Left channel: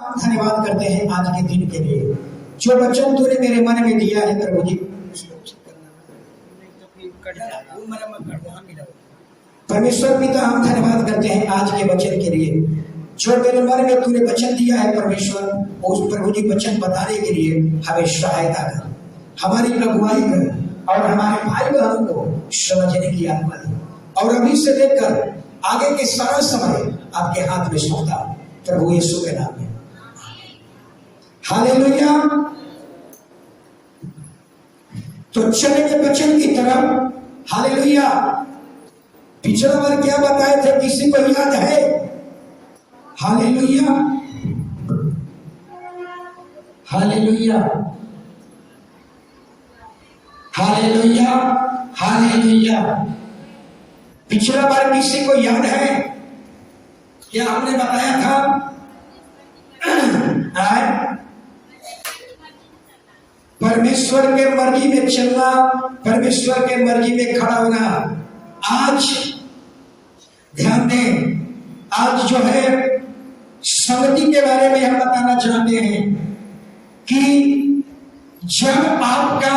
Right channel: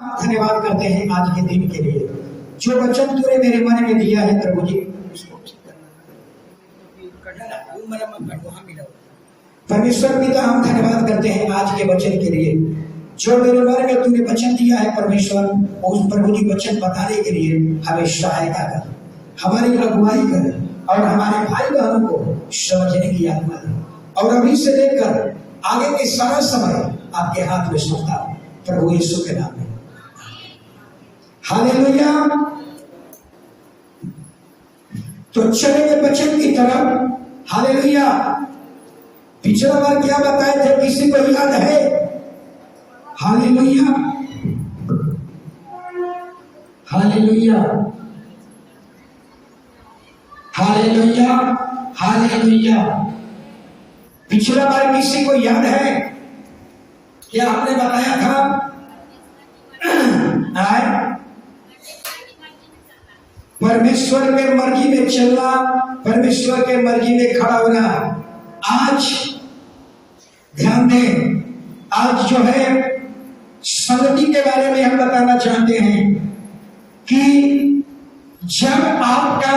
धन्यवाद करते हैं आज के दिन के लिए जो वचन तूने मेरे मन में दिया है प्रभु जी। परमेश्वर पिता हम धन्यवाद करते हैं आज के वचन के लिए जो मेरे मन में तूने वचन दिया है परमेश्वर। उस प्रभु जी वचन बताने के लिए हमें सहायता कर, हमारी अगुवाई कर और हमारे भाई बहनों को समझने की आत्मा दे और अभी से लेकर आगे के सारा समय आपके हाथ में सौंपा प्रभु यीशु के नाम में। हालेलुया। तो चलेंगे वचन की तरफ। हालेलुया। पिछला बार क्या बताए थे, किसी को याद है? Hallelujah, hallelujah, hallelujah, hallelujah. पिछला बार किसी को याद है क्या आपने बताया था? परमेश्वर के मर्जी में चलना, परमेश्वर के मर्जी में खड़ा होना। आज ध्यान दें, आज जो है संगति के बारे में हम बताना चाहते हैं कि जब आपका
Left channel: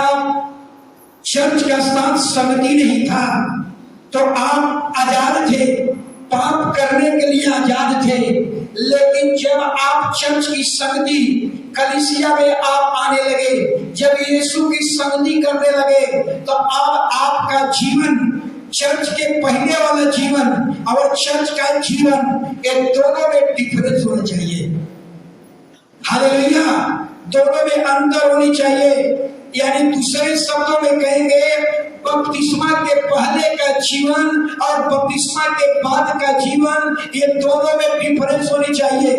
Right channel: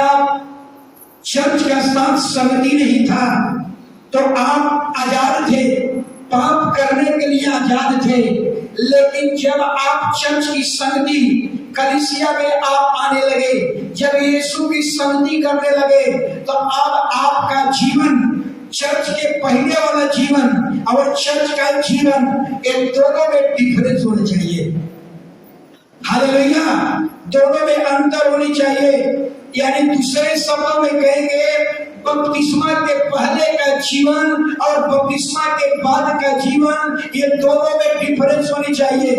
चर्च का स्थान संगति नहीं था तो आप आजाद थे, पाप करने के लिए आजाद थे। लेकिन जब आप चर्च की संगति कलीसिया में आप आने लगे, जब यीशु की संगति करने लगे, तो अब आपका जीवन, चर्च के पहले वाला जीवन और चर्च का जीवन, इन दोनों में डिफरेंस होना चाहिए। हालेलुया। दोनों में अंतर होनी चाहिए। यानी दूसरे शब्दों में कहेंगे, बपतिस्मा के पहले का जीवन और बपतिस्मा के बाद का जीवन, ये दोनों में डिफरेंस होनी चाहिए।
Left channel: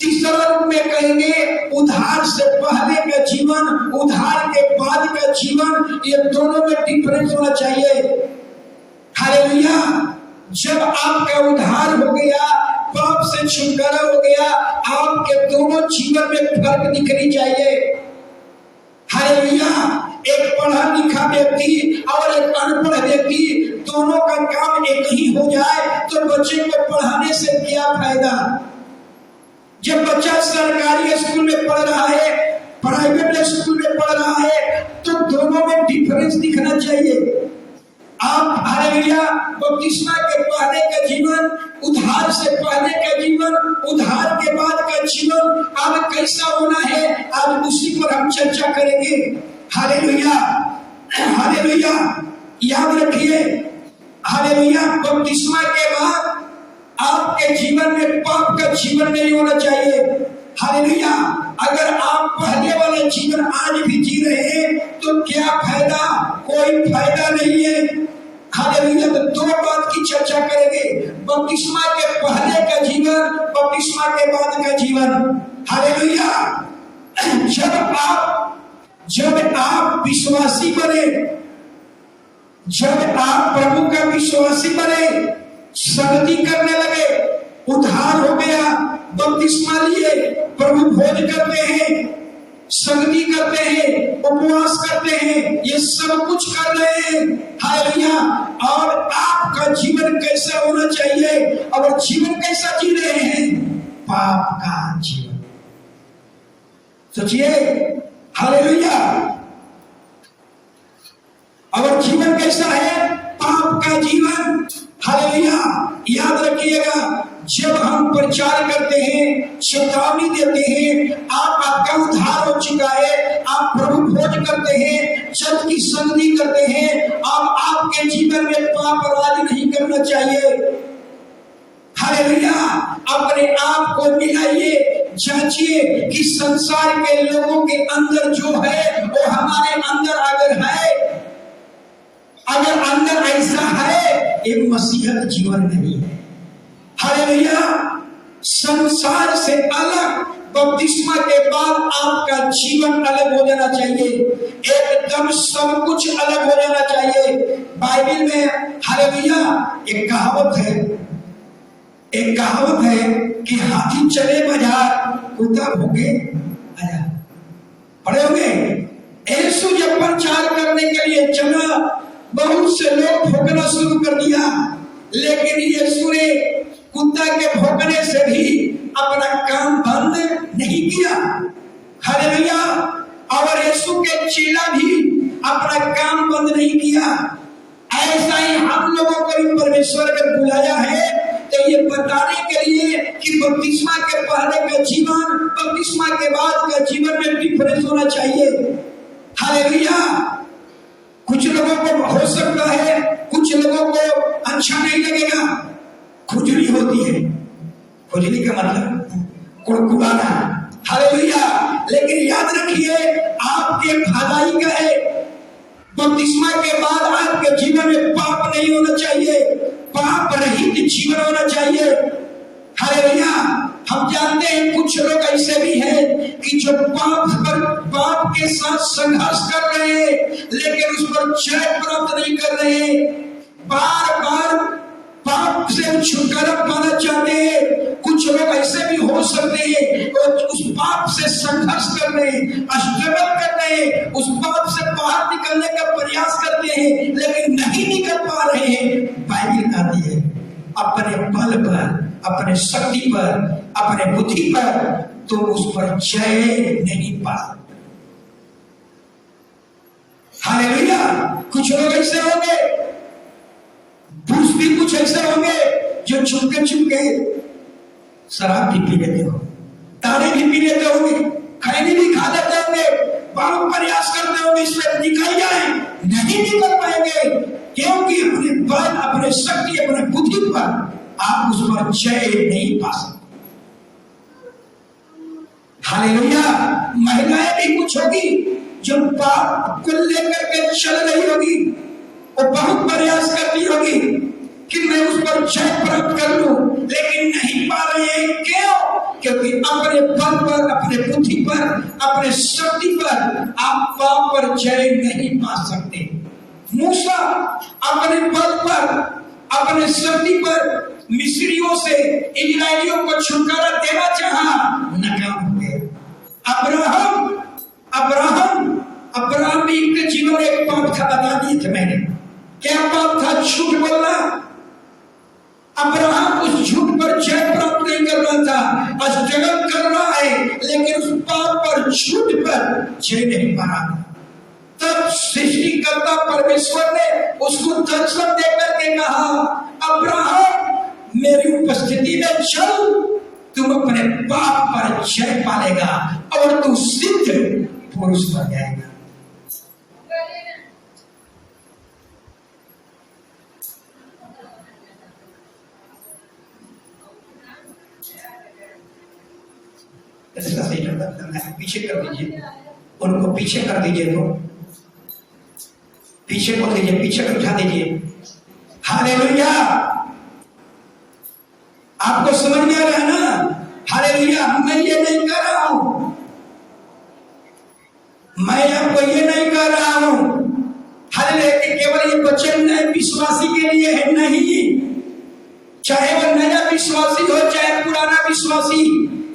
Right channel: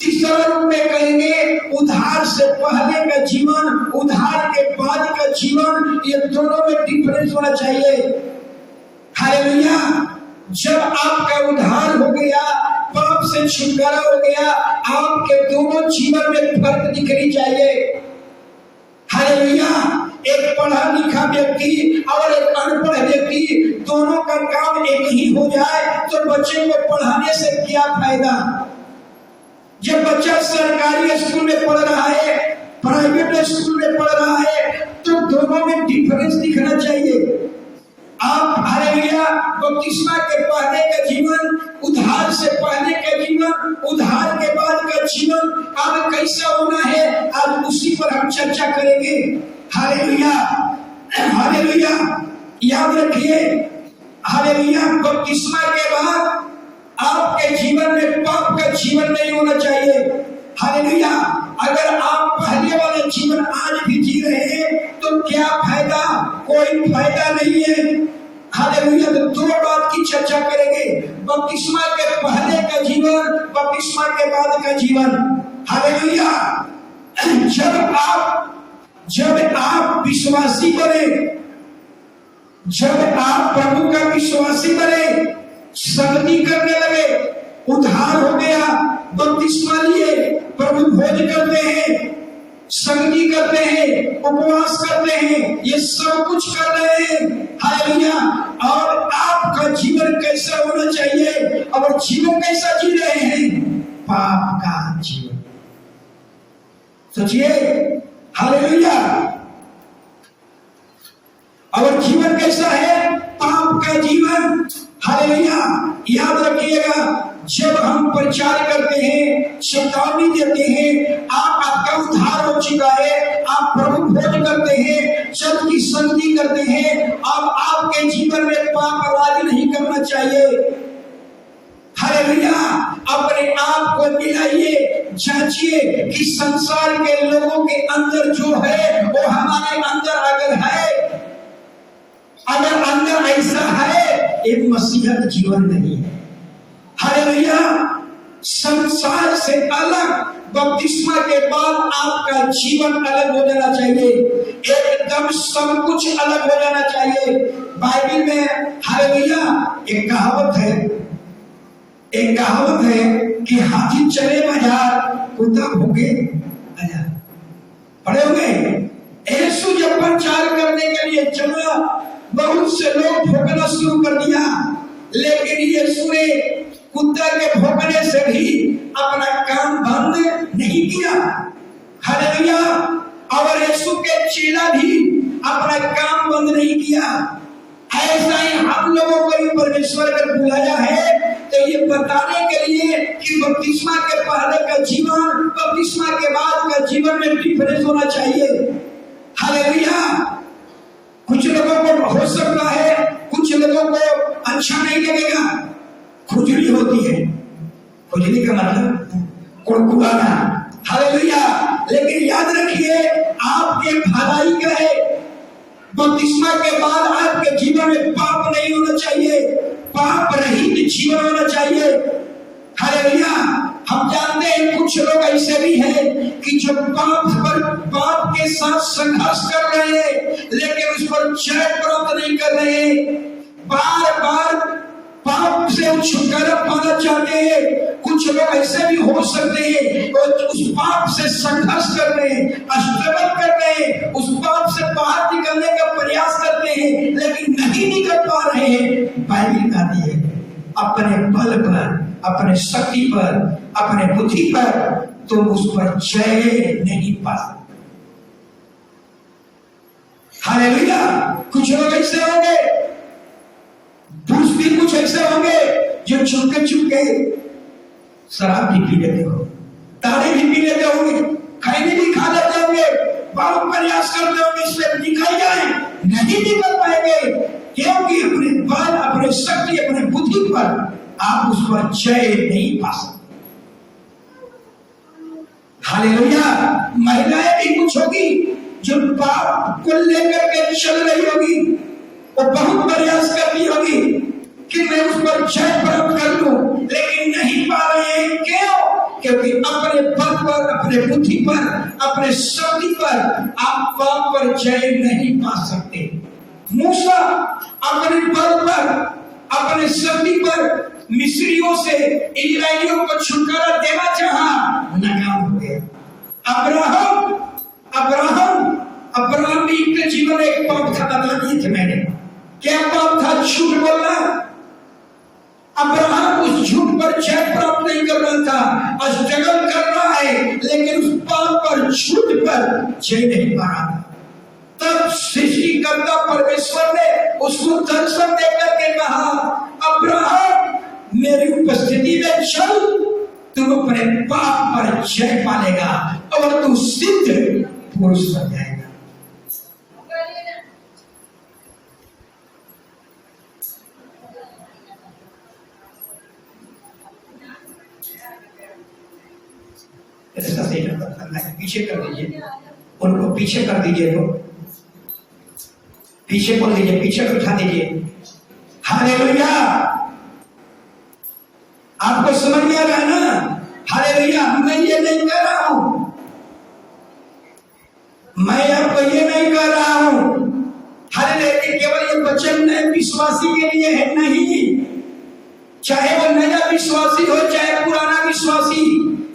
तीसरा रूप में कहेंगे, उद्धार से पहले का जीवन, उद्धार के बाद का जीवन, ये दोनों में डिफरेंस होना चाहिए। हालेलुया। जब आपका उद्धार हो गया, पाप से छुटकारा हो गया, आपके दोनों जीवन में फर्क दिखनी चाहिए। हालेलुया। एक पढ़ा लिखा व्यक्ति और एक अनपढ़ व्यक्ति, दोनों का काम एक ही हो जाए तो बच्चे को पढ़ाने से क्या फायदा? जब बच्चा सरकारी स्कूल में पढ़ रहा है, प्राइवेट स्कूल में पढ़ रहा है, तो दोनों में डिफरेंस दिखना चाहिए। आप हालेलुया, बपतिस्मा के पहले का जीवन, उद्धार से पहले का जीवन, उद्धार के बाद का जीवन अब कैसा होना है, आज उसी पर हम चर्चा करेंगे। Hallelujah, hallelujah. याद रखिए, हालेलुया, बपतिस्मा के बाद आपके जीवन में पाप का जीवन नहीं होना चाहिए। हालेलुया। अगर आप पहले वाला जीवन आज भी जी रहे हैं तो क्या फायदा? कोई फायदा नहीं है। हालेलुया। तो दो बात की चर्चा करेंगे, बपतिस्मा के पहले का जीवन, बपतिस्मा के बाद का जीवन। हालेलुया। जब आप विश्वासी बने, जब आप प्रभु का विश्वासी बने, संगति करने लगे, उद्धार हो गया, बपतिस्मा लिए, प्रभु भोज करते हैं, संगति करते हैं, उपवास करते हैं, ये सब कुछ कर रहे हैं। हालेलुया। और आपका जीवन कैसा होना चाहिए? और जीवन कैसा जी रहे हैं? पाप का जीवन। सोचिए, हालेलुया। और जीवन कैसा है? पाप का जीवन। हालेलुया। याद रखिएगा, जब हम प्रचार करते हैं, चेतावनी देते हैं, आपका उद्धार हो चुका है, आप प्रभु भोज करते हैं, चर्च की संगति करते हैं, अब आपके जीवन में पाप राज नहीं करना चाहिए। हालेलुया। अपने आप को मिलाइए, जांचिए कि संसार के लोगों के अंदर जो है वो हमारे अंदर अगर है, अगर अंदर ऐसा है, ये मसीहत जीवन नहीं है। हालेलुया। संसार से अलग बपतिस्मा के बाद आपका जीवन अलग हो जाना चाहिए, एकदम सब कुछ अलग हो जाना चाहिए। बाइबल में हालेलुया एक कहावत है कि हाथी चले बाजार, कुत्ता भूखे आजार। पढ़े होंगे। यीशु जब प्रचार करने के लिए चला, बहुत से लोग भोगना शुरू कर दिया, लेकिन यीशु ने कुत्ता के भोंकने से भी अपना काम बंद नहीं किया। हालेलुया। और यीशु के चेला भी अपना काम बंद नहीं किया। ऐसा ही हम लोगों को भी परमेश्वर ने बुलाया है, तो ये बताने के लिए कि बपतिस्मा के पहले का जीवन, बपतिस्मा के बाद का जीवन में डिफरेंस होना चाहिए। हालेलुया। कुछ लोगों को हो सकता है, कुछ लोगों को अच्छा नहीं लगेगा, खुजली होती है। खुजली का मतलब कुड़कुड़ाना। हालेलुया। लेकिन याद रखिए, आपके भलाई का है। बपतिस्मा के बाद आपके जीवन में पाप नहीं होना चाहिए, पाप रहित जीवन होना चाहिए। हालेलुया। हम जानते हैं कुछ लोग ऐसे भी हैं कि जो पाप के साथ संघर्ष कर रहे हैं, लेकिन उस पर जय प्राप्त नहीं कर रहे हैं। बार बार पाप से छुटकारा पाना चाहते हैं। कुछ लोग ऐसे भी हो सकते हैं और उस पाप से संघर्ष कर रहे हैं, स्ट्रगल कर रहे हैं, उस पाप से बाहर निकलने का प्रयास करते हैं, लेकिन नहीं निकल पा रहे हैं। बाइबल कहती है अपने बल पर, अपने शक्ति पर, अपने बुद्धि पर तुम उस पर जय नहीं पा सकते। हालेलुया। कुछ लोग ऐसे होंगे, पुरुष भी कुछ ऐसे होंगे जो चुपके शराब भी पी लेते हो, ताड़े भी पी लेते होंगे, खैनी भी खा लेते होंगे, बहुत प्रयास करते होंगे इसमें निकल जाए, नहीं निकल पाएंगे, क्योंकि अपने बल, अपने शक्ति, अपने बुद्धि पर आप उस पर जय नहीं पा सकते। हालेलुया। महिलाएं भी कुछ होगी जो पाप को लेकर के चल रही होगी, वो बहुत प्रयास करती होगी कि मैं उस पर जय प्राप्त कर लूं, लेकिन नहीं पा रही है। क्यों? क्योंकि अपने बल पर, अपने बुद्धि पर, अपने शक्ति पर आप पाप पर जय नहीं पा सकते। मूसा अपने बल पर, अपने शक्ति पर मिस्रियों से इजरायलियों को छुटकारा देना चाहा, नाकाम हो गए। अब्राहम भी के जीवन में एक पाप था, बता दिए थे मैंने। क्या पाप था? झूठ बोलना। अब्राहम उस झूठ पर जय प्राप्त नहीं कर रहा था, स्ट्रगल कर रहा है, लेकिन उस पाप पर, झूठ पर जय नहीं पा रहा था। तब सृष्टिकर्ता परमेश्वर ने उसको दर्शन देकर के कहा, अब्राहम मेरी उपस्थिति में चल, तू अपने पाप पर जय पालेगा और तू सिद्ध पुरुष बन जाएगा। ऐसा सही करना है, पीछे कर दीजिए उनको, पीछे कर दीजिए, तो पीछे कर दीजिए, पीछे कर उठा दीजिए। हालेलुया। आपको समझ में आ रहा है ना? हालेलुया। मैं ये नहीं कर रहा हूं, मैं आपको ये नहीं कर रहा हूं। हालेलुया। केवल ये वचन नए विश्वासी के लिए है, नहीं। चाहे वो नया विश्वासी हो, चाहे पुराना विश्वासी,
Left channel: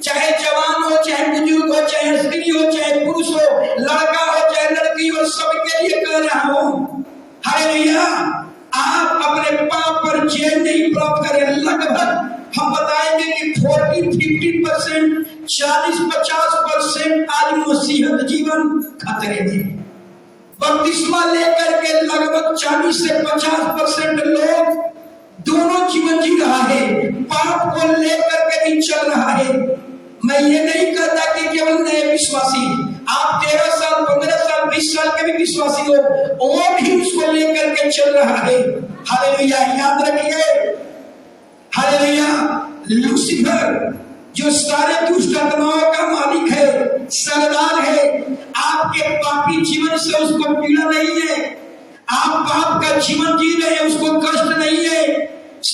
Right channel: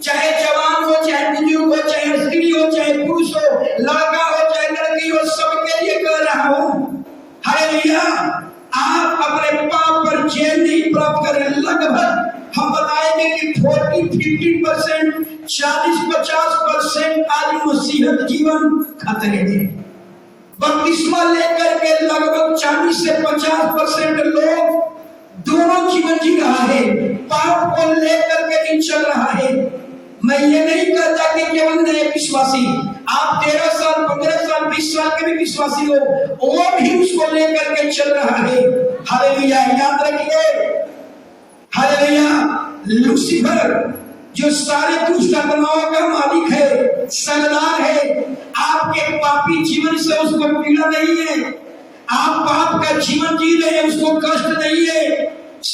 चाहे जवान हो, चाहे बुजुर्ग हो, चाहे स्त्री हो, चाहे पुरुष हो, लड़का हो, चाहे लड़की हो, सबके लिए कह रहा हूं। हालेलुया। आप अपने पाप पर जय नहीं प्राप्त करें। लगभग हम बताएंगे कि 40-50%, 40-50% आज मसीहत जीवन खतरे में। बपतिस्मा लेकर के लगभग 40 से 50% लोग दोनों जीवन जी रहा है, पाप को लेकर के भी चल रहा है। मैं ये नहीं कहता कि केवल नए विश्वासी, आप 13 साल, 15 साल, 20 साल के भी विश्वासी हो, वो भी उसको लेकर के चल रहा है। हालेलुया। याद रखिए, हालेलुया, लूसीफर जो सारे दुष्ट आत्माओं का मालिक है, सरदार है, आपके पापी जीवन से उसको पीड़ा नहीं है। आप पाप का जीवन जी रहे हैं, उसको कष्ट नहीं है।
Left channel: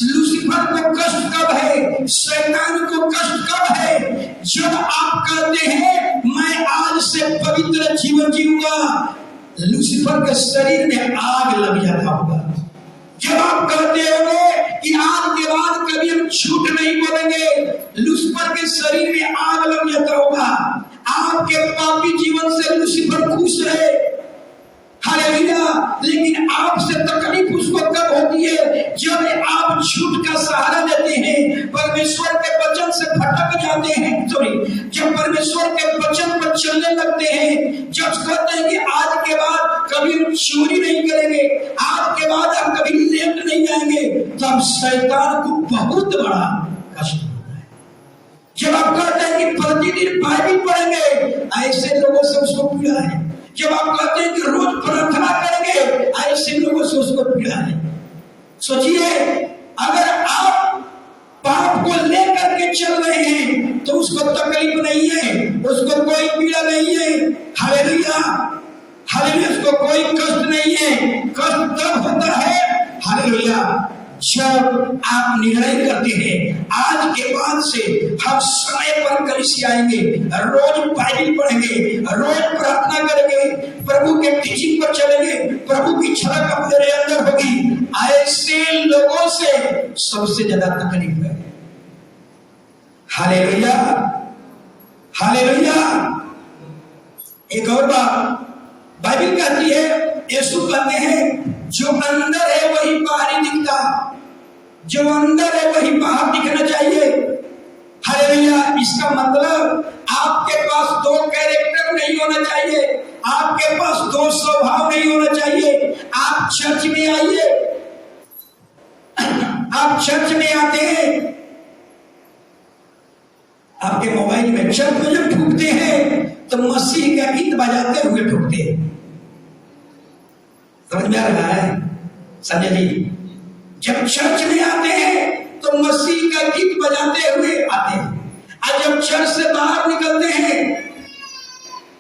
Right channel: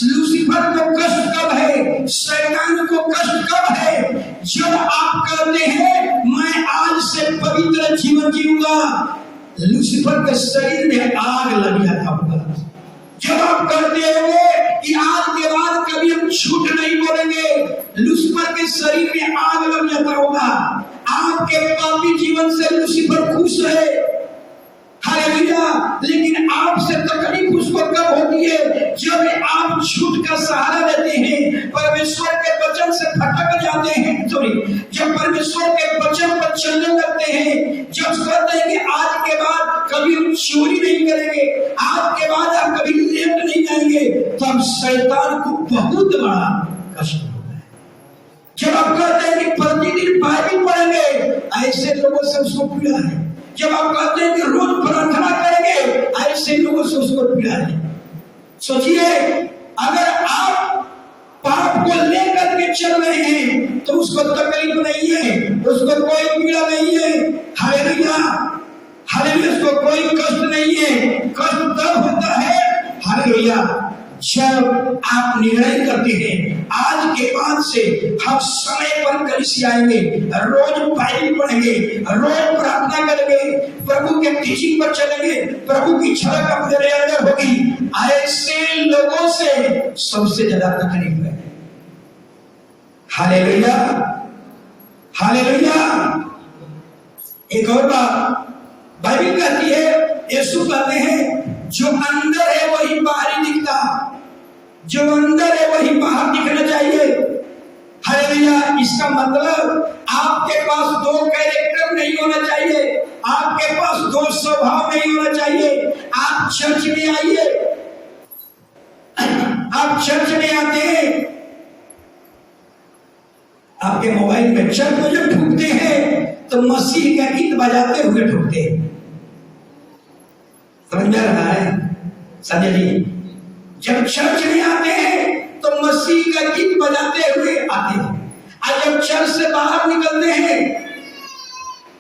लूसीफर को कष्ट कब है? शैतान को कष्ट कब है? जब आप कहते हैं मैं आज से पवित्र जीवन जीऊंगा, लूसीफर के शरीर में आग लग जाता होगा। जब आप कहते होंगे कि आज के बाद कभी हम झूठ नहीं बोलेंगे, लूसीफर के शरीर में आग लग जाता होगा। आपके पापी जीवन से लूसीफर खुश है। हालेलुया। लेकिन आपसे तकलीफ उसको कब होती है? जब आप झूठ का सहारा लेते हैं, परमेश्वर के वचन से भटक जाते हैं। सॉरी, जब जो परमेश्वर के वचन पर चलने लगते हैं, जब कहते हैं कि आज के बाद कभी हम चोरी नहीं करेंगे, आज के बाद हम कभी लेट नहीं जाएंगे, तो हम शैतान को बहुत बड़ा कष्ट होता है। जब आप कहते हैं कि प्रतिदिन बाइबल पढ़ेंगे, ऐसे लोगों से उसको पीड़ा है। जब आप कहते हैं कि रोज प्रार्थना करेंगे, ऐसे लोगों से उसको पीड़ा है। सोचिए, अगर आप पाप को लेकर के चल रहे हैं तो उसको तकलीफ नहीं है, उसको कोई पीड़ा नहीं है। हालेलुया, हालेलुया, उसको कोई कष्ट नहीं है। कष्ट तब होता है, हालेलुया, जब आप निर्णय करते हैं आज के बाद से हम समय पर कलीसिया आएंगे, रोज बाइबल पढ़ेंगे, रोज प्रार्थना करेंगे, प्रभु के टीचिंग पर चलेंगे, प्रभु की झलक अपने अंदर होगी। ऐसे लोगों से सबसे ज्यादा तकलीफ है। Hallelujah, hallelujah. एक और बात बाइबल कहती है, यीशु कहते हैं, जो अंदर है वही बाहरी दिखता, जो अंदर है वही बाहर दिखना चाहिए। हालेलुया। इसका मतलब आपके पास दो कैरेक्टर नहीं होना चाहिए, आपके पास दो स्वभाव नहीं होना चाहिए। आप चर्च में आइए, आप चर्च में आते हैं, आपके मोबाइल में चर्च में जब ढूंढते हैं तो मसीह का गीत बजाते हुए ढूंढते हैं। समझ में आ रहा है संजय जी? जब चर्च में आते हैं तो मसीह का गीत बजाते हुए आते हैं, और जब चर्च से बाहर निकलते हैं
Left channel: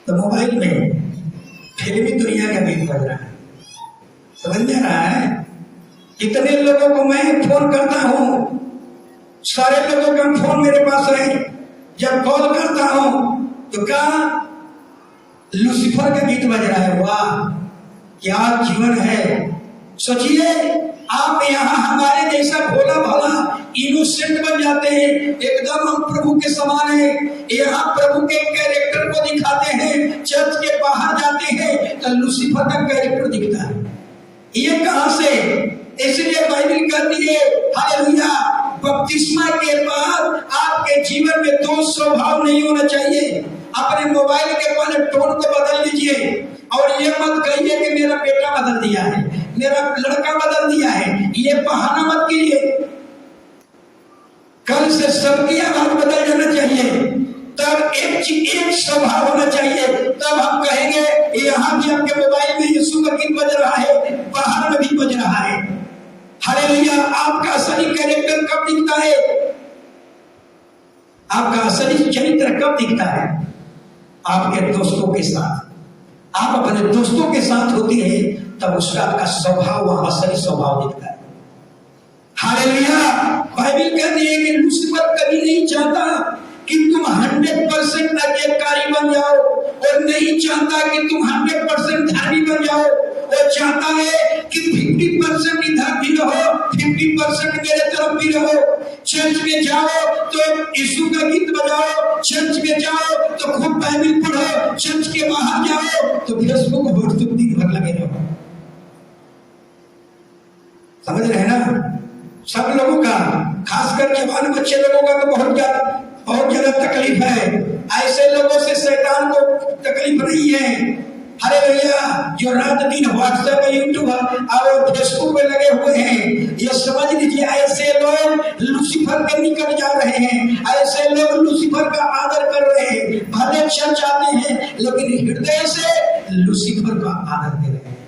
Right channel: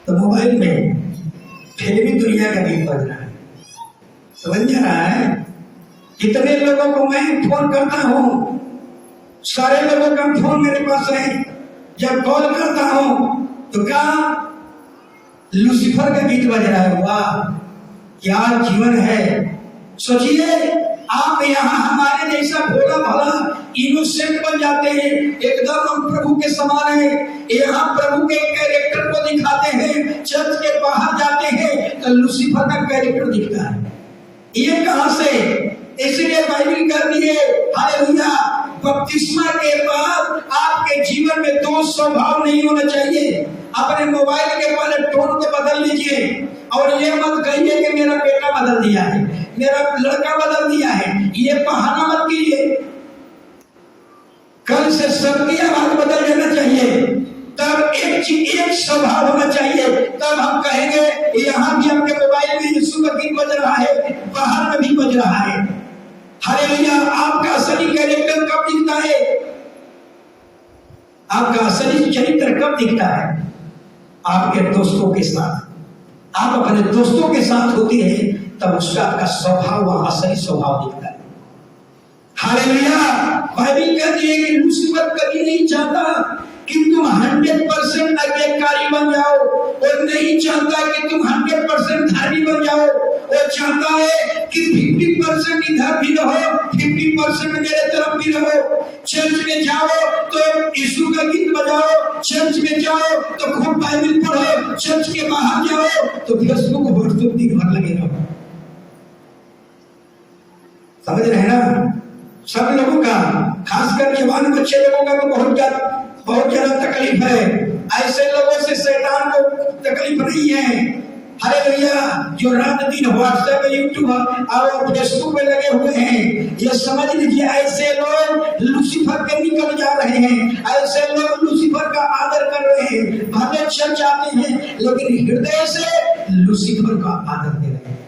तो मोबाइल में फिल्मी दुनिया का गीत बज रहा है। समझ में आ रहा है? कितने लोगों को मैं फोन करता हूं, सारे लोगों का फोन मेरे पास है, जब कॉल करता हूं तो क्या लूसीफर का गीत बज रहा है। वाह, क्या जीवन है। सोचिए, आप यहाँ हमारे जैसा भोला भाला इनोसेंट बन जाते हैं, एकदम हम प्रभु के समान हैं, यहाँ प्रभु के कैरेक्टर को दिखाते हैं, चर्च के बाहर जाते हैं तो लूसीफर का कैरेक्टर दिखता है। ये कहां से? इसलिए बाइबल कहती है, हालेलुया, बपतिस्मा के बाद आपके जीवन में दो स्वभाव नहीं होना चाहिए। अपने मोबाइल के पहले टोन को बदल लीजिए, और ये मत कहिए कि मेरा बेटा बदल दिया है, मेरा लड़का बदल दिया है, ये बहाना मत कीजिए। कल से सबकी आवाज बदल जाना चाहिए, तब एक स्वभाव होना चाहिए, तब हम कहेंगे यहाँ भी आपके मोबाइल में यीशु का गीत बज रहा है, बाहर में भी बज रहा है। हालेलुया। आपका असली कैरेक्टर कब दिखता है? आपका असली चरित्र कब दिखता है? आपके दोस्तों के साथ। आप अपने दोस्तों के साथ होते हैं तब उसका आपका स्वभाव, वहां असली स्वभाव दिखता है। हालेलुया। बाइबल कहती है कि लूसीफर कभी नहीं चाहता कि तुम 100% आज्ञाकारी बन जाओ, और नहीं चाहता कि तुम 100% धार्मी बन जाओ। वो चाहता है कि 50% इधर भी रहो, 50% मेरे तरफ भी रहो। चर्च में जाओ तो यीशु का गीत बजाओ, चर्च में जाओ तो खूब बाइबल पढ़ो, चर्च के बाहर जाओ तो फेसबुक व्हाट्सएप दिन भर लगे रहो। समझ रहे ना? सब लोगों का, खासकर जवान बच्चे लोगों का तो बहुत ज्यादा तकलीफ है। ऐसे लोगों से शैतान को तकलीफ नहीं है। हालेलुया। जो रात दिन व्हाट्सएप, यूट्यूब और फेसबुक पे लगे हुए हैं, ये समझ लीजिए ऐसे लोग लूसीफर के निकट जा रहे हैं, ऐसे लोग लूसीफर का आदर कर रहे हैं। भले चर्च आते हैं लेकिन हृदय से लूसीफर का आदर कर रहे हैं।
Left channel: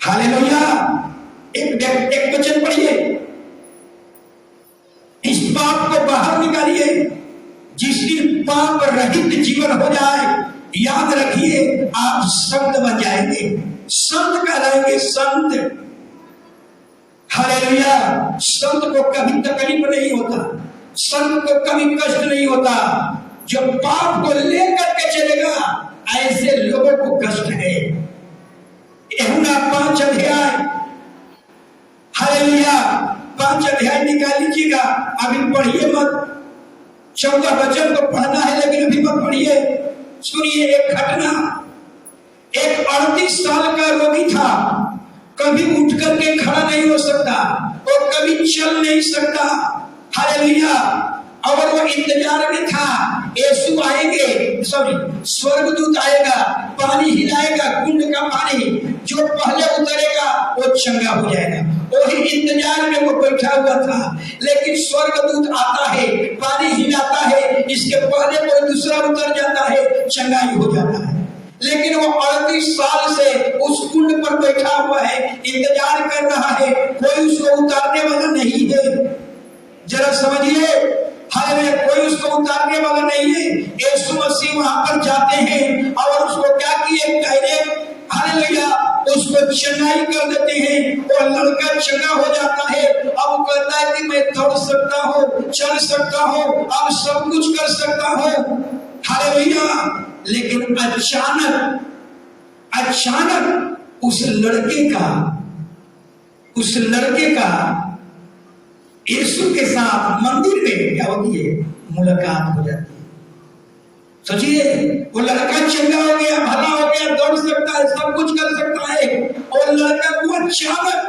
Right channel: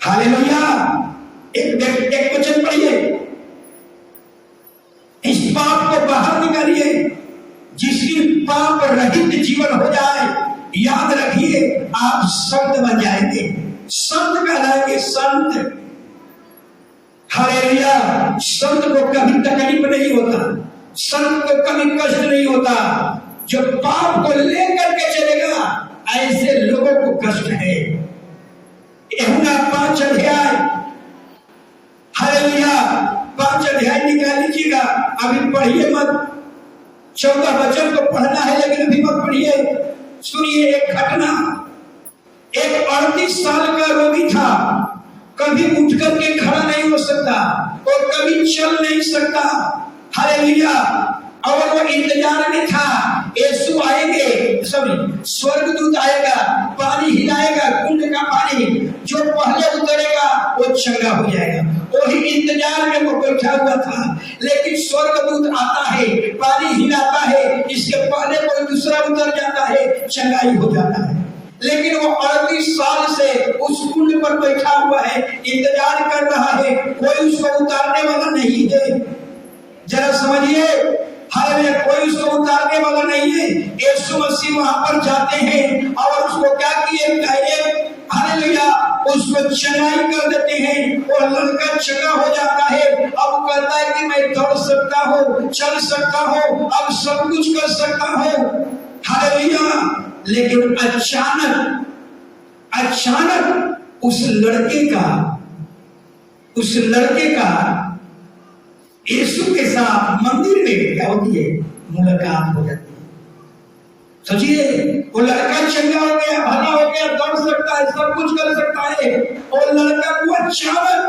हालेलुया। एक वचन पढ़िए, इस पाप को बाहर निकालिए, जिसकी पाप रहित जीवन हो जाए। याद रखिए, आप संत बन जाएंगे, संत कहलाएंगे, संत। हालेलुया। संत को कभी तकलीफ नहीं होता, संत को कभी कष्ट नहीं होता। जो पाप को लेकर के चलेगा, ऐसे लोगों को कष्ट है। यूहन्ना 5 अध्याय, हालेलुया, 5 अध्याय निकाल लीजिएगा, अभी पढ़िए मत। 14 वचन को पढ़ना है लेकिन अभी मत पढ़िए। सुनिए एक घटना। एक 38 साल का रोगी था, कभी उठ करके खड़ा नहीं हो सकता और कभी चल नहीं सकता। हालेलुया। और वो इंतजार में था, यीशु आएंगे, स्वर्गदूत आएगा, पानी हिलाएगा, कुंड का पानी जो पहले उतरेगा वो चंगा हो जाएगा। वही इंतजार में वो बैठा हुआ था। लेकिन स्वर्गदूत आता है, पानी हिलाता है, इसके पहले कोई दूसरा उतर जाता है, चंगाई हो जाता है। लेकिन वो 38 साल से उस कुंड पर बैठा हुआ है, इंतजार कर रहा है, कोई उसको उतारने वाला नहीं है। जरा समझिए, हालेलुया, कोई उसको उतारने वाला नहीं है। यीशु मसीह वहां पर जाते हैं और उसको क्या किए, डायरेक्ट हालेलुया उसको चंगाई कर देते हैं और लड़का चंगा हो जाता है। अब कहता है कि मैं दौड़ सकता हूँ, चल सकता हूँ, अब सब कुछ कर सकता हूँ। हालेलुया। लेकिन अचानक उस लड़के का यीशु के साथ मंदिर में क्या होती है, मुलाकात हो जाती है। सोचिए, वो लड़का चंगा हो गया, भला हो गया, दौड़ सकता है, सब कुछ कर सकता है, और लड़का को अचानक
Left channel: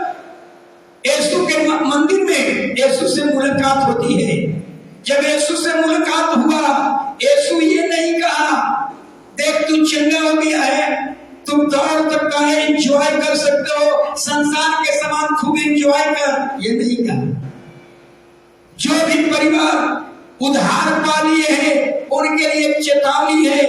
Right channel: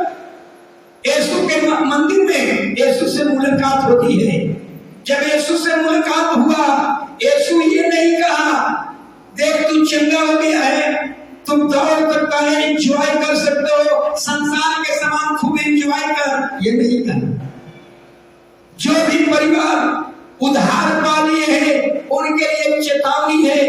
यीशु के मंदिर में यीशु से मुलाकात होती है। जब यीशु से मुलाकात हुआ, यीशु ये नहीं कहा देख तू चंगा हो गया है, तुम दौड़ सकता है, एंजॉय कर सकते हो, संसार के समान खूब एंजॉय कर, ये नहीं कहा। जो भी परिवार उधार पा लिए हैं उनके लिए चेतावनी है,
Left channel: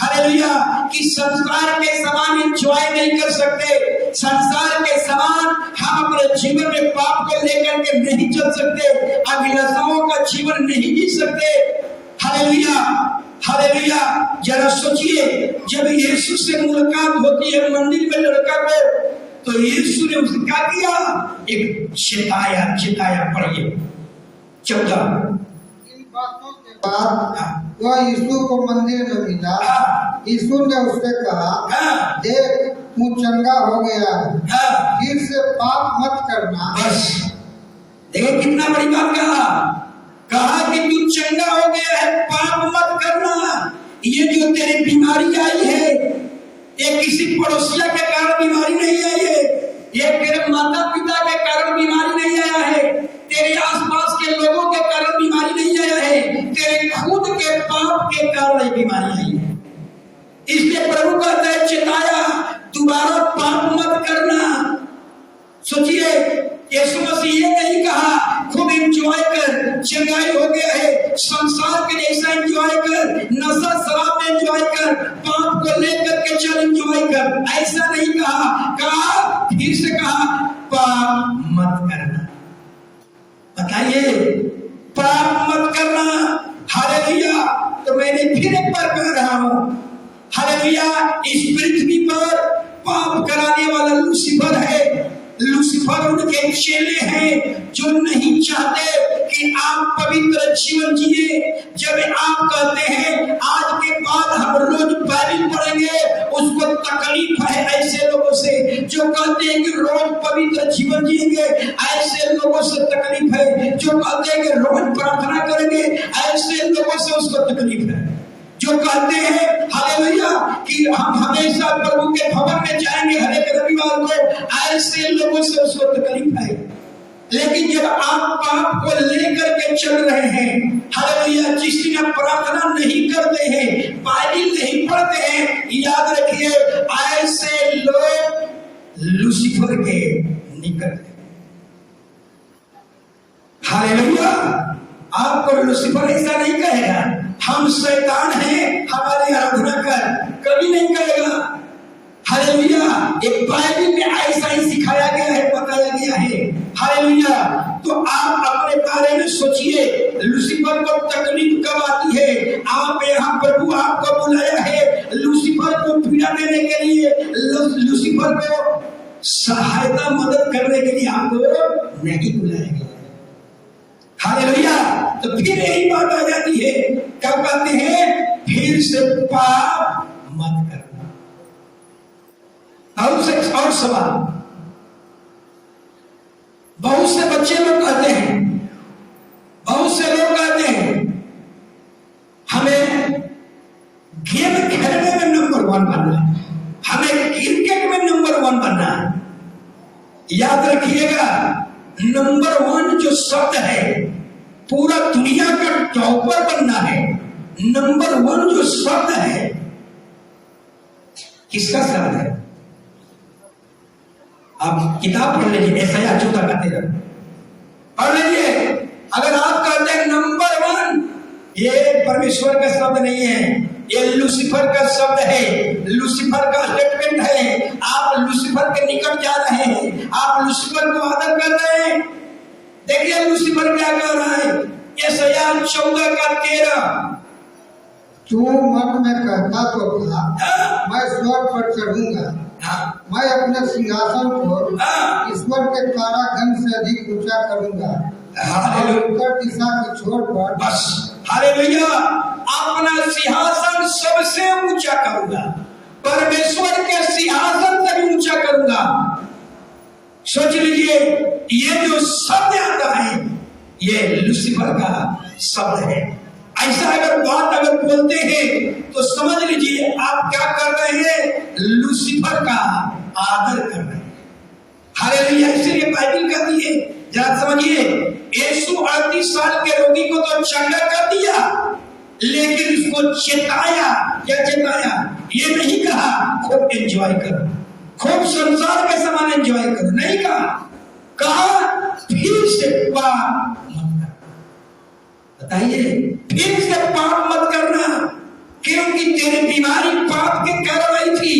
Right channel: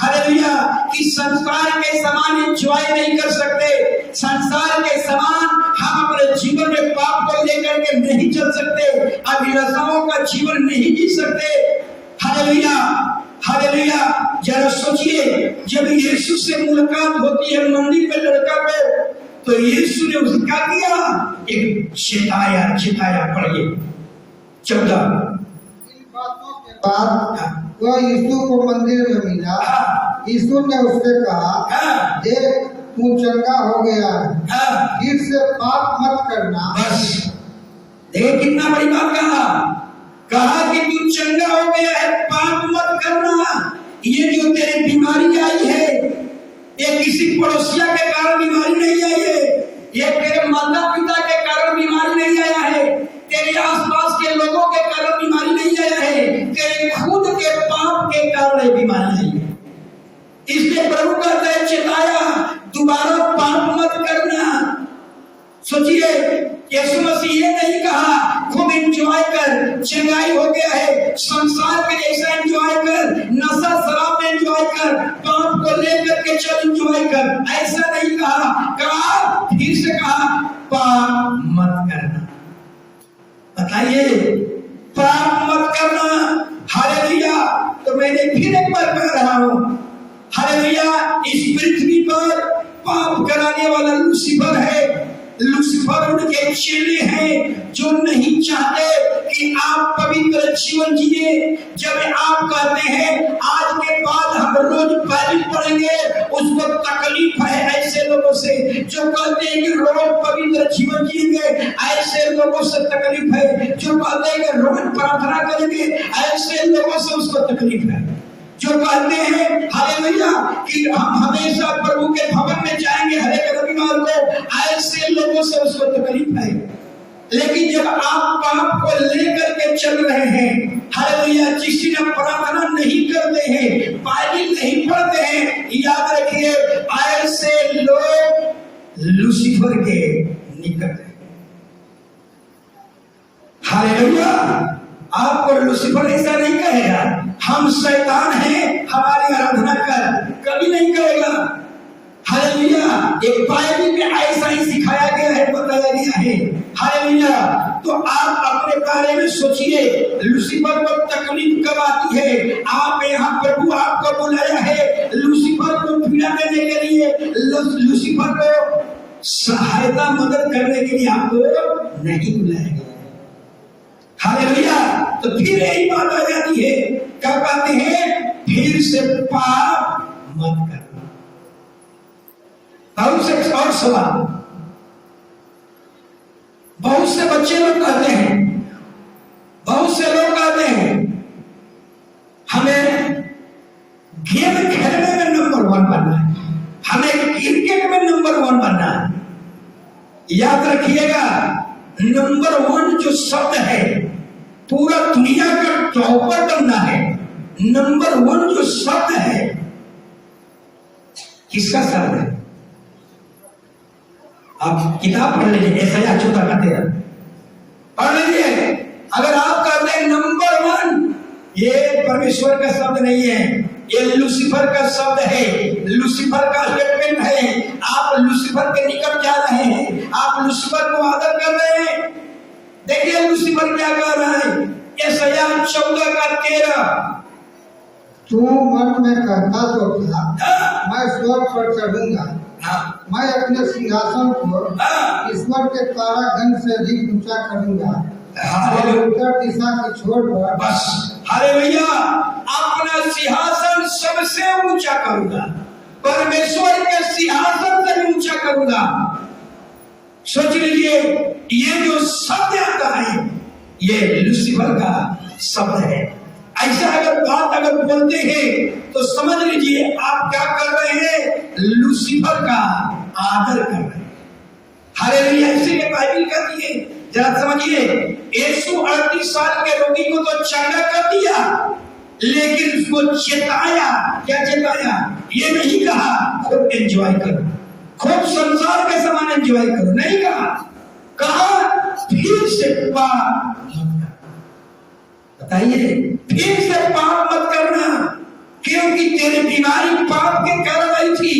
हालेलुया, कि संसार के समान एंजॉय नहीं कर सकते। संसार के समान हम अपने जीवन में पाप को लेकर के नहीं चल सकते, अभिलाषाओं का जीवन नहीं जी सकते। Hallelujah, hallelujah. जरा सोचिए, जब यीशु से मुलाकात होती है मंदिर में लड़का को, तो यीशु ने उसने क्या किया, एक चिताया पढ़िए 14। इन बातों के बाद वह यीशु को मंदिर में मिला। यीशु ने उससे कहा, देख तू चंगा हो गया है, फिर से पाप मत करना। बस देखिए कितना बड़ी बात कहा कि तू चंगा हो गया है, पाप मत करना। ये जो तेरी बीमारी आई है, ये किसी पड़ोसिया के कारण बीमारी नहीं आई है, ये तेरे माता पिता के कारण बीमारी नहीं आया है, तेरे आसपास के लोगों के कारण बीमारी नहीं आया है, तेरे खुद के पाप के कारण ये बीमारी आई है। इसलिए प्रभु कहता है, चेताया, दोबारा पाप मत करना। सोचिए, यीशु मसीह ये नहीं कहा खूब एंजॉय कर, चंगाई हो गया है, संसार के जैसा एंजॉय कर, नशा शराब में एंजॉय कर, पाप को लेकर के चल एंजॉय कर, ऐसा नहीं कहा। फिर से कहा पाप मत करना। बताइए, पाप मत करना। हालेलुया। तो मैंने फिर एक बार कह रहा हूं, हालेलुया, इस पृथ्वी पर पाप कराने वाला लूसीफर है। लूसीफर उनके चेले हैं जो नहीं चाहते कि आप पवित्र जीवन जिए। जब आप कहते हैं आज के बाद हम रोज बाइबल पढ़ेंगे, उसको तकलीफ है ऐसे लोगों से। जो कहते हैं कि रोज पवित्र जीवन जिएंगे, ऐसे लोगों से तकलीफ है। जो कहते हैं कि रोज प्रार्थना करेंगे, ऐसे लोगों से उसको तकलीफ है। जो कहते हैं हालेलुया कि हम हमेशा प्रभु के भवन में जाएंगे हर एक रविवार को, ऐसे लोगों से उसको तकलीफ है। लेकिन जब आप पाप को लेकर के चल रहे हैं, हालेलुया, जिस दिन प्रार्थना नहीं करते हैं, बाइबल नहीं पढ़ते हैं, याद रखिए ऐसे लोग लूसीफर के निकट है। हालेलुया। आपको लूसीफर ऐसा नहीं कहेगा हम शैतान हैं, हमारी आराधना कर, कभी नहीं करेगा। हालेलुया। एक बाइबल में ऐसा ही सिखाया गया है, बताया गया है। हालेलुया। तो आप अपने बारे में सोचिए, लूसीफर को तकलीफ कब आती है? आप यहाँ प्रभु आपको बुलाया है लूसीफर को पीड़ा देने के लिए, लूसीफर को सहायता मदद करने के लिए आपको नहीं बुलाया गया। हालेलुया। तो फिर यही बात आ जाती है, कब कहते हैं फिर से पाप मत करना। और सवाल, बहुत से बच्चे लोग कहते हैं, बहुत से लोग कहते हैं हमें गेम खेलने में नंबर 1 बनना है, हमें क्रिकेट में नंबर 1 बनना है। याद रखिएगा, नंबर 1 जो शब्द है पूरा दुनिया का टॉपर बनना है, नंबर 1 जो शब्द है, किसका शब्द है? आप किताब पढ़ लीजिए, ऐसा चुका कहते हैं, पढ़ लीजिए। अगर आप कहते हैं नंबर 1, ये परमेश्वर का शब्द नहीं है, ये लूसीफर का शब्द है, लूसीफर का स्टेटमेंट है। आप लूसीफर के निकट जा रहे हैं, आप लूसीफर को आदर कर रहे हैं। देखिए लूसीफर क्या कर रहा है, यशायाह 14:13, तू मन में कहता तो था, मैं स्वर्ग पर चढ़ूंगा, मैं अपने सिंहासन को ईश्वर के तारागण से अधिक ऊंचा करूंगा, उत्तर दिशा की छोर पर। बस हालेलुया, अपना सिंहासन सबसे ऊंचा करूंगा, परमेश्वर के सिंहासन से भी ऊंचा करूंगा। सोच लीजिए, ये जो शब्द आता है ये लूसीफर का शब्द है। ऐसा अगर बात अगर बोलते हैं तो समझ लीजिए आप क्या कर रहे हैं, लूसीफर का आदर कर रहे हैं। हालेलुया, इसलिए बाइबल कहती है, जरा समझिए, यीशु 38 साल के रोगी को तो चंगा कर दिया, लेकिन उसको चेताया। क्या चेताया? ये नहीं कहा खूब एंजॉय करो, खूब संसार के समान एंजॉय करो, नहीं कहा। कहा फिर से पाप मत करना। बताइए, फिर से पाप मत करना, क्योंकि तेरी बीमारी पाप के कारण आई थी,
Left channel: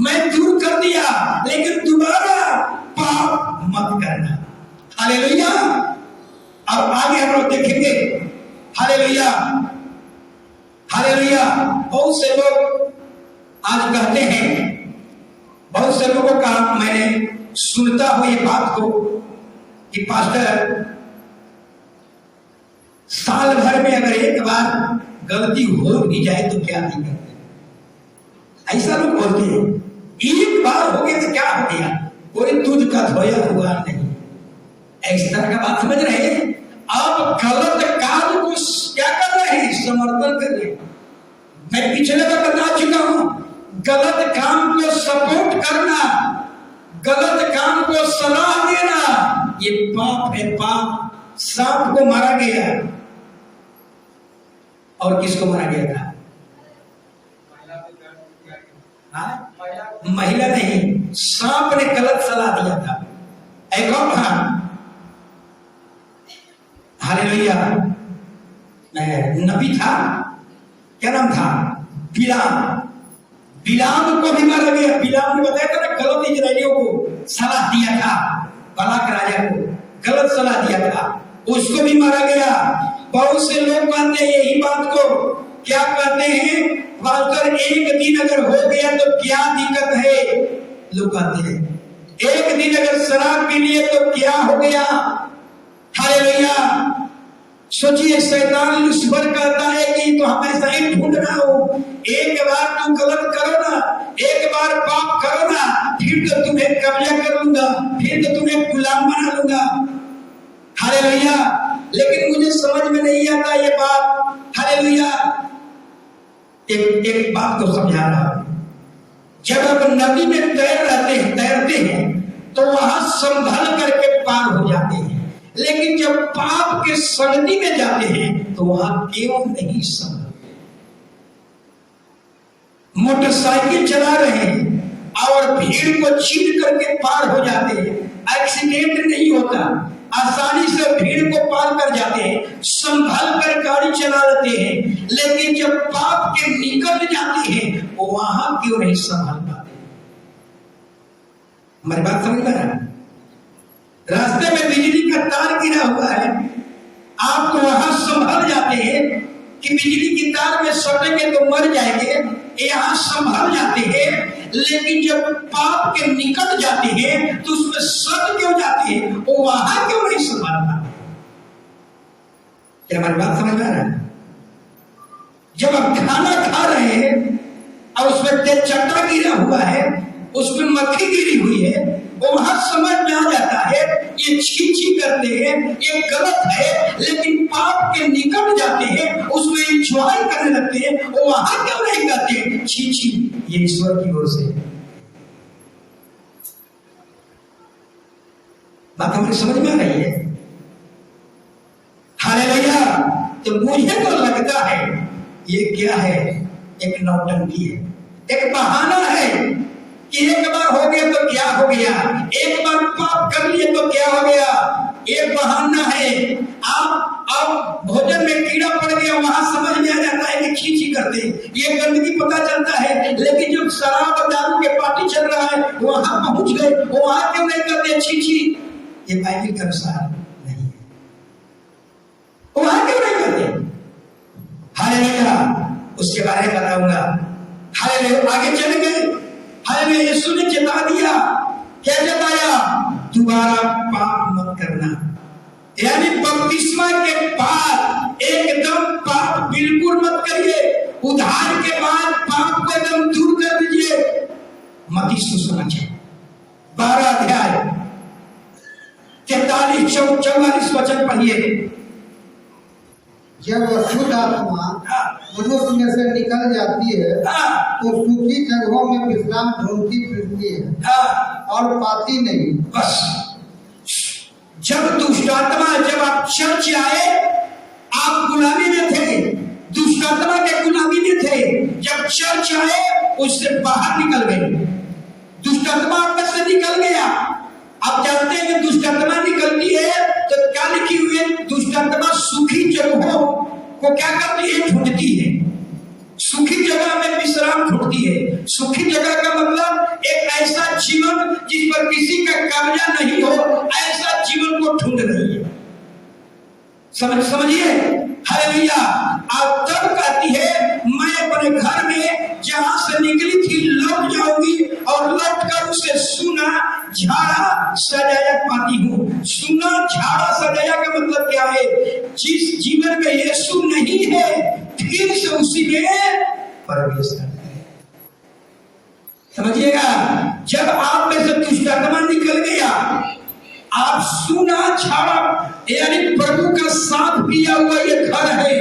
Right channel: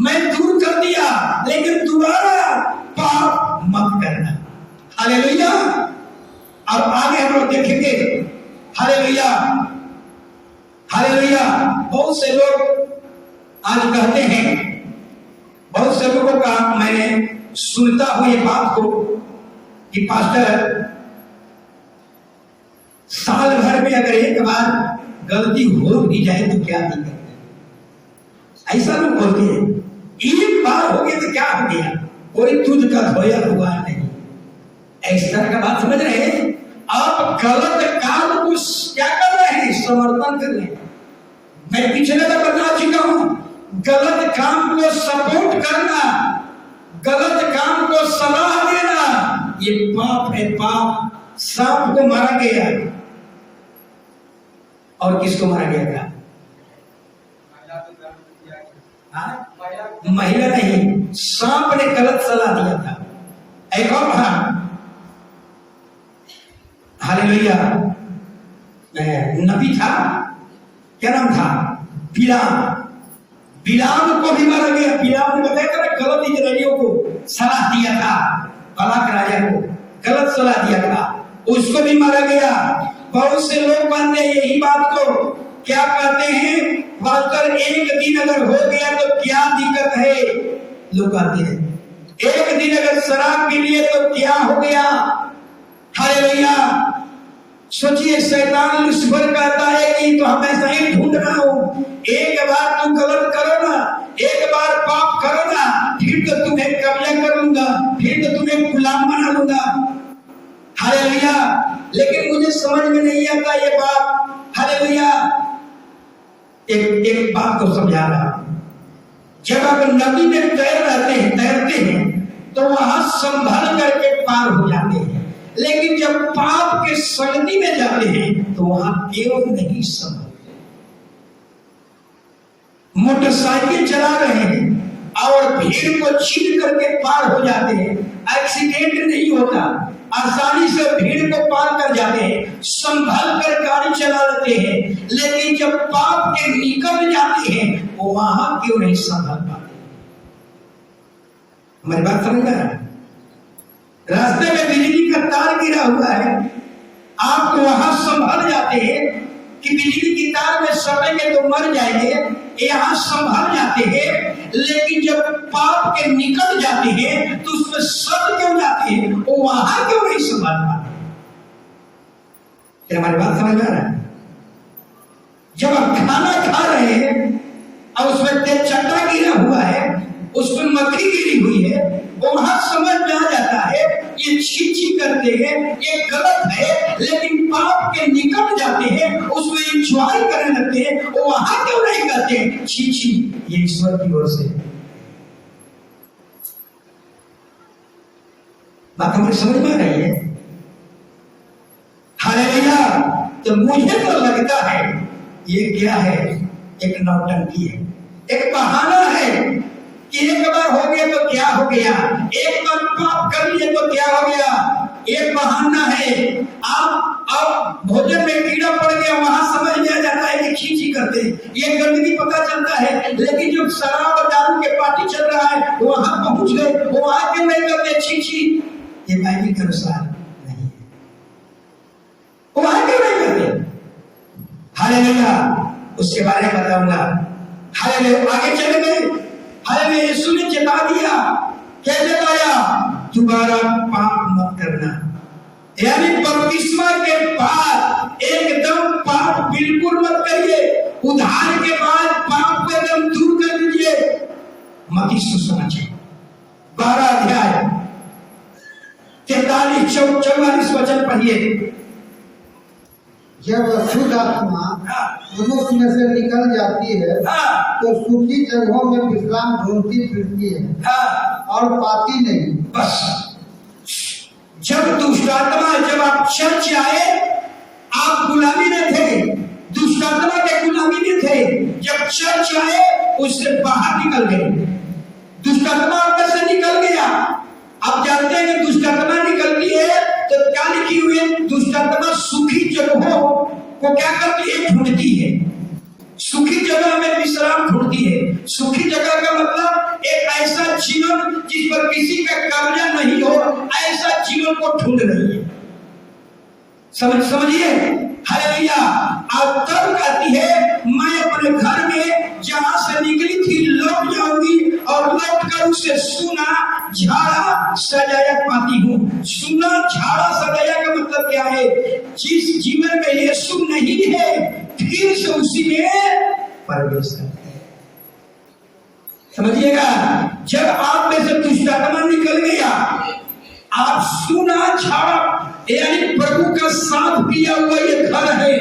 मैं दूर कर दिया, लेकिन दोबारा पाप मत करना। हालेलुया। अब आगे हम लोग देखेंगे। Hallelujah, hallelujah. बहुत से लोग आज कहते हैं, बहुत से लोगों का मैंने सुनता हूं ये बात को कि पास्टर, साल भर में अगर एक बार गलती हो भी जाए तो क्या दिक्कत है? ऐसा लोग बोलते हैं, एक बार हो गया तो क्या हो गया, कोई तुझ का धोया हुआ नहीं। इस तरह का बात समझ रहे हैं? आप गलत काम को क्या कर रहे हैं? समर्थन कर रहे हैं। मैं पिछले का बता चुका हूं, गलत काम को सपोर्ट करना, गलत काम को सलाह देना, ये पाप है, पाप। सांप को मारा गया, और किसको मारा गया था? महिला नहीं, सांप ने गलत सलाह दिया था। एक और था, हालेलुया, नबी था, क्या नाम था? बिलाम। बिलाम को भी मारा गया। बिलाम ने बताया था ना, गलत इजराइलियों को सलाह दिया था, बालाक राजा को गलत सलाह दिया था, उसको भी मारा गया। बहुत से लोग मानते हैं यही बात को, क्या कहते हैं, पास्टर एक दिन अगर हो गया तो क्या दिक्कत है? लोग कहते हैं एक दिन अगर शराब पी लिए तो क्या हो गया? हालेलुया। सोचिए, शैतान लूसीफर कहता है कि तो हमेशा ही ढूंढ रहा हूं, एक बार तुम गलत करो ना, एक बार पाप करो ना, फिर तो तुम्हें कब्जा कर लूंगा, फिर तो तुम्हें गुलाम बना लूंगा। हालेलुया। लेकिन मुझे समझ में नहीं आता ये बात। हालेलुया। एक बात को समझा रहा, जब आप नदी में तैरते हैं तो वहां संभल करके पार हो जाते हैं, लेकिन जब पाप के संगति में जाते हैं तो वहां क्यों नहीं संभलते? मोटरसाइकिल चला रहे हैं और भीड़ को चीर करके पार हो जाते हैं, एक्सीडेंट नहीं होता, आसानी से भीड़ को पार कर जाते हैं, संभल कर गाड़ी चला लेते हैं, लेकिन जब पाप के निकट जाते हैं वो वहां क्यों नहीं संभल पाते? हमारी बात समझ में आ रहा है? रास्ते में बिजली का तार गिरा हुआ है, आप तो वहां संभल जाते हैं कि बिजली की तार में सटेंगे तो मर जाएंगे, यहाँ संभल जाते हैं, लेकिन जब पाप के निकट जाते हैं तो उसमें सट क्यों जाते हैं, वो वहां क्यों नहीं संभल पाते? क्या हमारी बात समझ में आ रहा है? जब आप खाना खा रहे हैं और उसमें तेज चट्टा गिरा हुआ है, उसमें मक्खी गिरी हुई है, वो वहां समझ में आ जाता है ये छी छी करते हैं, ये गलत है, लेकिन पाप के निकट जाते हैं, उसमें इंजॉय करने लगते हैं, वो वहां क्यों नहीं कहते छी छी, ये ईश्वर की ओर से? बात हमें समझ में आ रही है? हालेलुया। तो मुझे तो लगता है ये क्या है, एक नौटंकी है, एक बहाना है कि एक बार हो गया तो क्या हो गया, एक बार पाप कर लिए तो क्या हो गया, एक बहाना है। आप भोजन में कीड़ा पड़ गया, वहां समझ में आ जाता है कि छी करते हैं, ये गंदगी पता चलता है, लेकिन जब शराब दारू के पार्टी चल रहा है वहां पहुंच गए, वहां क्यों नहीं करते छी, ये बाइबल के अनुसार नहीं है, वहां क्यों नहीं करते। हालेलुया, उसके बारे में बताऊंगा। हालेलुया, आगे चले गए। हालेलुया, यीशु ने चेता दिया, क्या चेताया, दोबारा पाप मत करना। यानी बपतिस्मा के बाद एकदम पाप बिल्कुल मत करिए, उद्धार के बाद पाप को एकदम दूर कर दीजिए। मत्ती सुसमाचार 12 अध्याय 43-44 वचन पढ़िए। जब अशुद्ध आत्मा मनुष्य में से निकल जाती है तो सूखी जगहों में विश्राम ढूंढती फिरती है और पाती नहीं। बस जब दुष्ट आत्मा, जब आप चर्च आए, आप गुलामी में थे, दुष्ट आत्मा के गुलामी में थे, जब चर्च आए उससे बाहर निकल गए, दुष्ट आत्मा आपके से निकल गया। आप जानते हैं कि दुष्ट आत्मा निकलती है तो क्या लिखी हुई है, दुष्ट आत्मा सूखी जगहों को क्या करती है, ढूंढती है, सूखी जगह में विश्राम ढूंढती है। सूखी जगह का मतलब एक ऐसा जीवन जिस पर किसी का कब्जा नहीं हो, ऐसा जीवन को ढूंढ रही है। समझिए। हालेलुया। अब तब कहती है मैं अपने घर में जहां से निकली थी लौट जाऊंगी और लौट कर उसे सुना झाड़ा सजाया पाती हूँ। सुना झाड़ा सजाया का मतलब क्या है, जिस जीवन में यीशु नहीं है फिर से उसी में प्रवेश करते हैं। समझिएगा, जब आप में से दुष्ट आत्मा निकल गया, आप सुना झाड़ा यानी प्रभु का साथ किया हुआ ये घर है,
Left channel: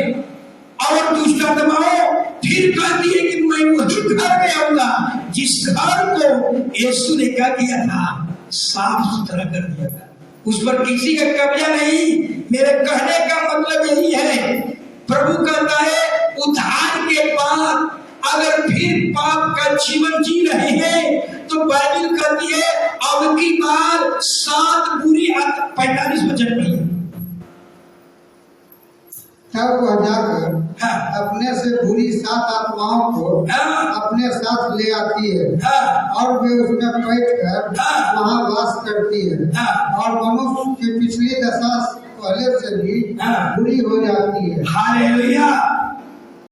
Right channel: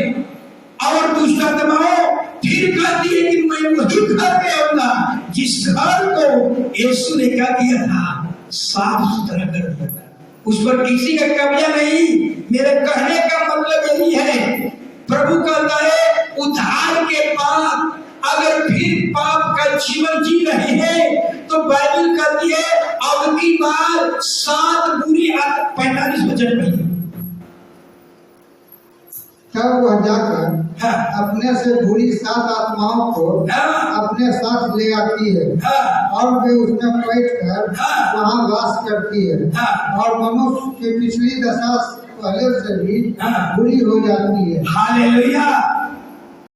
और दुष्ट आत्माओं फिर कहती है कि मैं वही घर में आऊंगा जिस घर को यीशु ने क्या किया था, साफ सुथरा कर दिया था, उस पर किसी का कब्जा नहीं। मेरे कहने का मतलब यही है, प्रभु कहता है उद्धार के बाद अगर फिर पाप का जीवन जी रहे हैं तो बाइबल कहती है अब की बार 7 बुरी 45 वचन में तब वह जाकर अपने से बुरी 7 आत्माओं को अपने साथ ले आती है और वे उसमें बैठकर वहां वास करती है और मनुष्य की पिछली दशा पहले से भी बुरी हो जाती है। हालेलुया।